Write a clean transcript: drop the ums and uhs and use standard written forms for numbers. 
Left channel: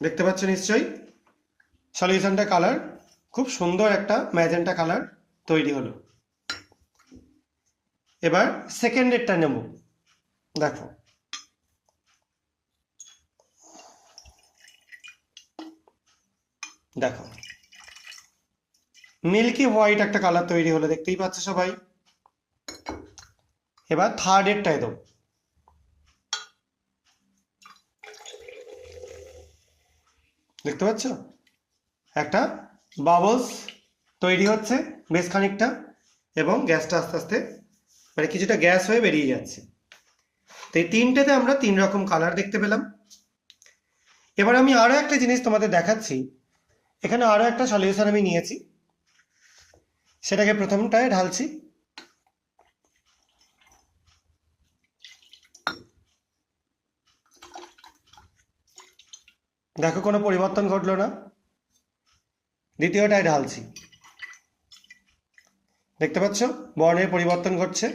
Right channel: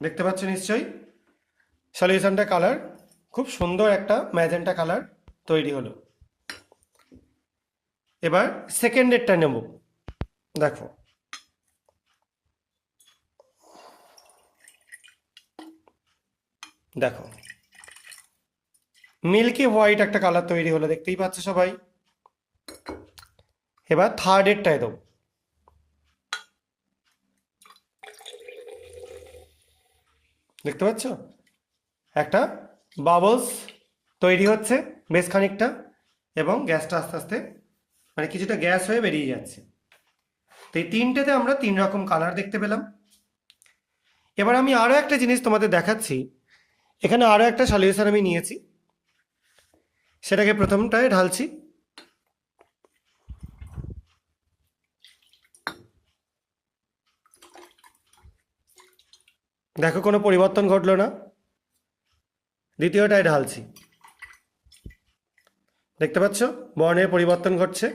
দেখতে পাচ্ছ নিশ্চয়ই সলিউশনটা কালার খুব সুন্দর একটা ম্যাজেন্টা কালার তৈরি হলো। এবার সেকেন্ডেরটা নেব। দেখো দেখো মিল্কি হোয়াইট একটা কালার তৈরি হলো, দেখতেই পাচ্ছ সবাই। এবার থার্ডেরটায় দেবো। দেখতে পাচ্ছ একটা বাবলস তৈরি হচ্ছে বেশ খানিকটা, এবং গ্যাসটা আস্তে আস্তে মানে কিছুটা গ্যাস হয়ে বেরিয়ে যাচ্ছে। তো এই তিনটেতে আমরা তিন রকম কালার দেখতে পেলাম। এবার আমি আরও একটা জিনিস তোমাদের দেখাচ্ছি। এখানে আরও একটা সলিউশন আমি নিয়েছি, সেটাকে প্রথমটায় ঢালছি। দেখো কোনো পরিবর্তন ঘটলো না। দ্বিতীয়টায় ঢালছি, দেখতে পাচ্ছ বর্ণের পরিবর্তন ঘটছে।